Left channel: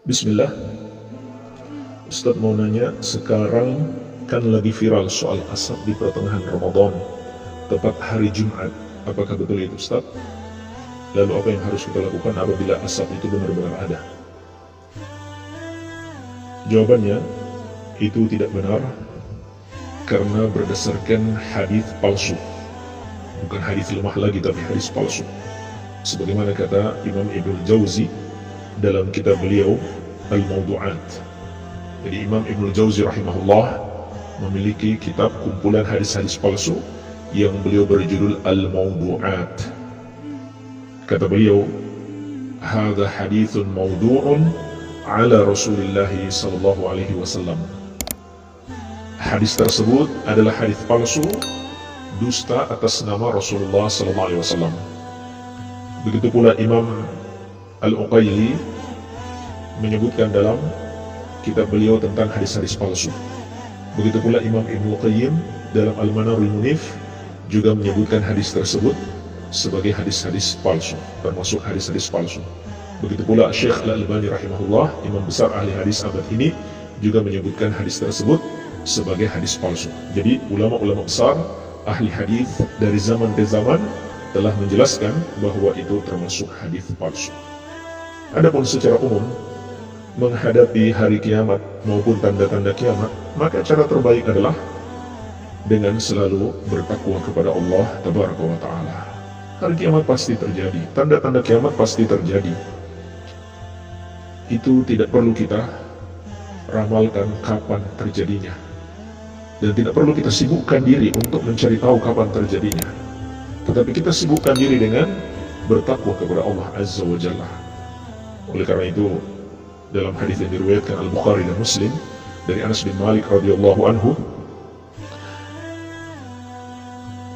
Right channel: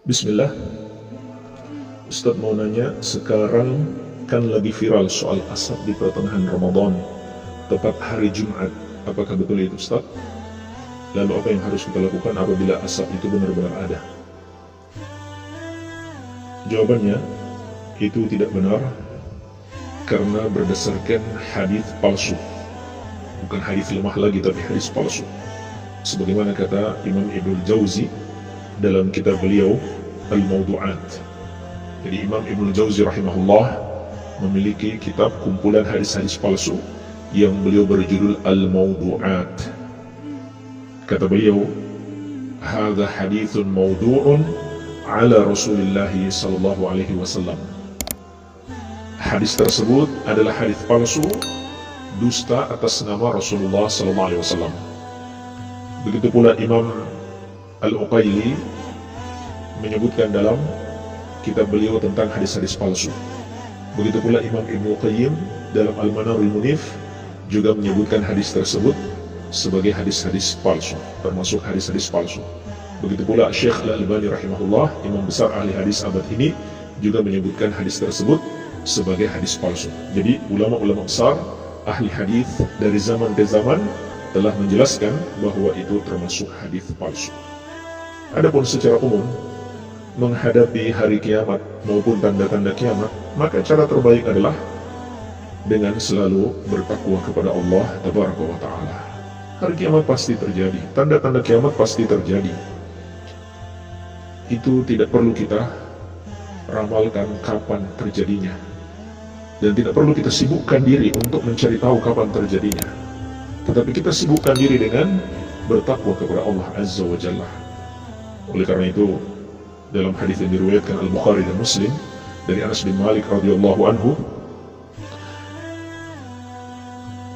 Bismillah, Ustadz mau nanya, sekarang kan lagi viral soal asap di pertengahan Ramadan, tepat hari Jumat. Apakah betul itu Ustadz? Lalu apa yang harus kita lakukan apabila asap itu benar-benar ada? Jawabannya, itu tidak benar karena berdasarkan hadis palsu. Bukan hadis lemah lagi, tapi hadis palsu. Sebagaimana kata Imam Ibnul Jauzi dalam kitab beliau Al-Mawdu'at. Jadi Imam Ibnul Jauzi rahimahullah memiliki kitab kumpulan hadis-hadis palsu yang beliau berjudul Al-Mawdu'at. Kata beliau, "Hadza hadithun mawdu'un ala Rasulillah sallallahu alaihi wasallam." Hadis tersebut adalah hadis palsu, dusta atas nama Rasulullah sallallahu alaihi wasallam. Begitu pula Imam Al-Uqayli menyebutkan dalam kitab beliau tentang hadis-hadis palsu. Begitu pula Imam Ibnu Qayyim dalam Al-Manarul Munif juga menyebutkan hadis tersebut sebagai hadis-hadis palsu, termasuk hadis-hadis palsu. Begitu pula Syekh Al-Albani rahimahullah, imam besar ahli hadis abad ini, juga menyebutkan hadis tersebut sebagai hadis palsu. Jadi ulama-ulama besar ahli hadis dari zaman ke zaman telah menjelaskan bahwa itu termasuk hadis palsu. Adapun secara umum menghadapi hari kiamat maupun tanda-tanda kiamat, maka cara terbaik adalah dengan selalu bertakwa kepada Allah Tabaraka wa Ta'ala. Hari kiamat pasti terjadi, tanda-tanda kiamat pasti terjadi. Itu tidak perlu kita ramalkan kapan terjadinya, dan tidak perlu kita sibukkan diri untuk mencari tahu kapan terjadinya. Tetapi kita sibukkan diri dengan bertakwa kepada Allah Azza wa Jalla. Oleh karena itu, dalam hadis yang diriwayatkan Al-Bukhari dan Muslim dari Anas bin Malik radhiyallahu anhu,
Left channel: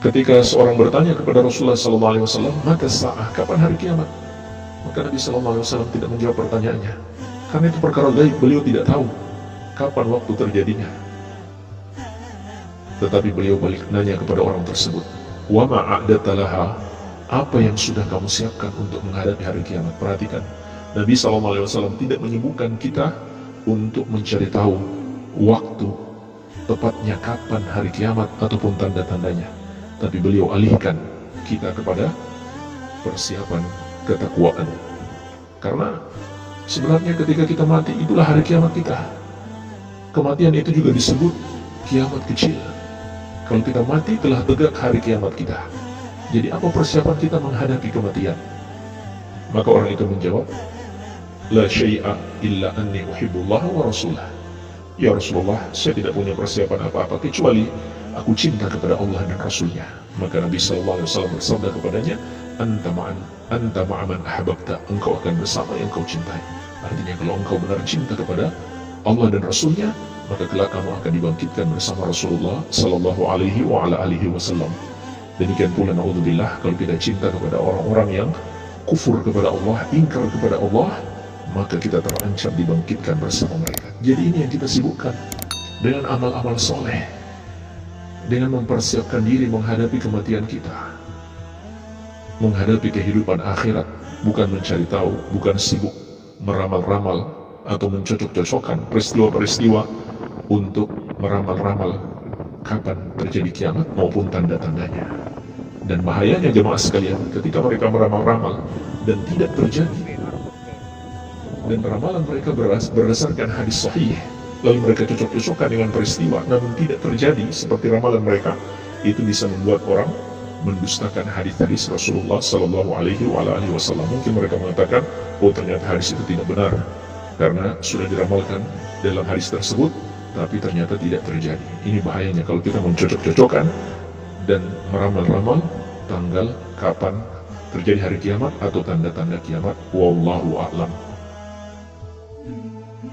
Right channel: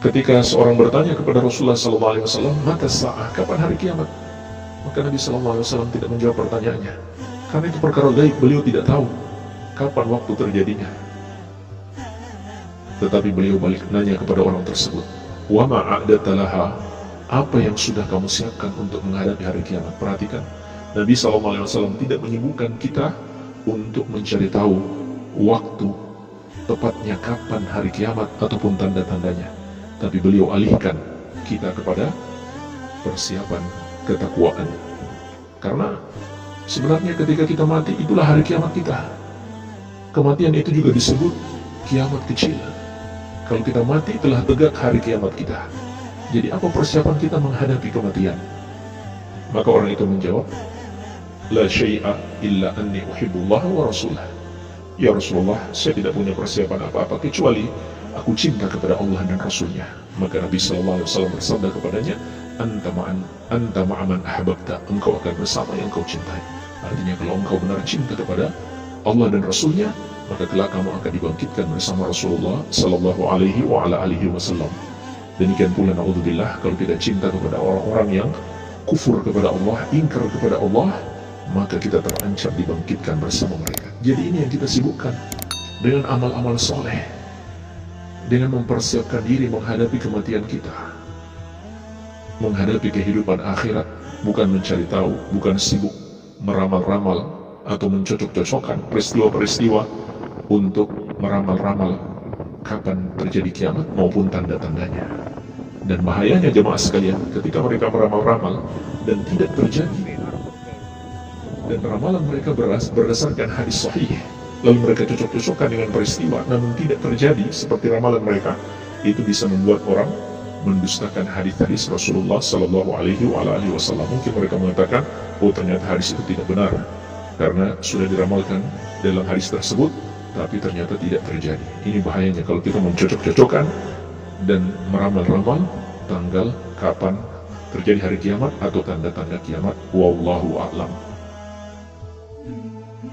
ketika seorang bertanya kepada Rasulullah sallallahu alaihi wasallam, "Mata sa'ah?" Kapan hari kiamat? Maka Nabi sallallahu alaihi wasallam tidak menjawab pertanyaannya. Karena itu perkara gaib, beliau tidak tahu kapan waktu terjadinya. Tetapi beliau balik nanya kepada orang tersebut, "Wa ma a'dadta laha?" Apa yang sudah kamu siapkan untuk menghadapi hari kiamat? Perhatikan, Nabi SAW tidak menyibukkan kita untuk mencari tahu waktu tepatnya kapan hari kiamat ataupun tanda-tandanya, tapi beliau alihkan kita kepada persiapan ketakwaan. Karena sebenarnya ketika kita mati, itulah hari kiamat kita. Kematian itu juga disebut kiamat kecil. Kalau kita mati, telah tegak hari kiamat kita. Jadi apa persiapan kita menghadapi kematian? Maka orang itu menjawab, "La syai'a illa anni uhibbullah wa rasulah." Ya Rasulullah, saya tidak punya persiapan apa-apa kecuali aku cinta kepada Allah dan Rasulnya. Maka Nabi SAW bersabda kepadanya, Anta ma'aman ahbabta, engkau akan bersama yang kau cintai. Artinya kalau engkau benar cinta kepada Allah dan Rasulnya, maka kelak kamu akan dibangkitkan bersama Rasulullah sallallahu alaihi wa ala alihi wasallam. Demikian pula naudzubillah, kalau kita cinta kepada orang-orang yang kufur kepada Allah, ingkar kepada Allah, maka kita terancam dibangkitkan bersama mereka. Jadi ini yang kita sibukkan dengan amal-amal soleh, dengan mempersiapkan diri menghadapi kematian kita, menghadapi kehidupan akhirat, bukan mencari tahu, bukan sibuk meramal-ramal atau mencocok-cocokkan peristiwa-peristiwa untuk meramal-ramal kapan terjadi kiamat maupun tanda-tandanya. Dan bahayanya jemaah sekalian, ketika mereka meramal-ramal dan tidak terjadi, dan ramalan mereka berdasarkan hadis sahih, lalu mereka cocok-cocokkan dengan peristiwa namun tidak terjadi seperti ramalan mereka, itu bisa membuat orang mendustakan hadis-hadis Rasulullah sallallahu alaihi wasallam. Mungkin mereka mengatakan, "Oh, ternyata hadis itu tidak benar karena sudah diramalkan dalam hadis tersebut, tapi ternyata tidak terjadi." Ini bahayanya kalau kita mencocok-cocokkan dan meramal-ramal tanggal kapan terjadi hari kiamat atau tanda-tanda kiamat. Wallahu a'lam.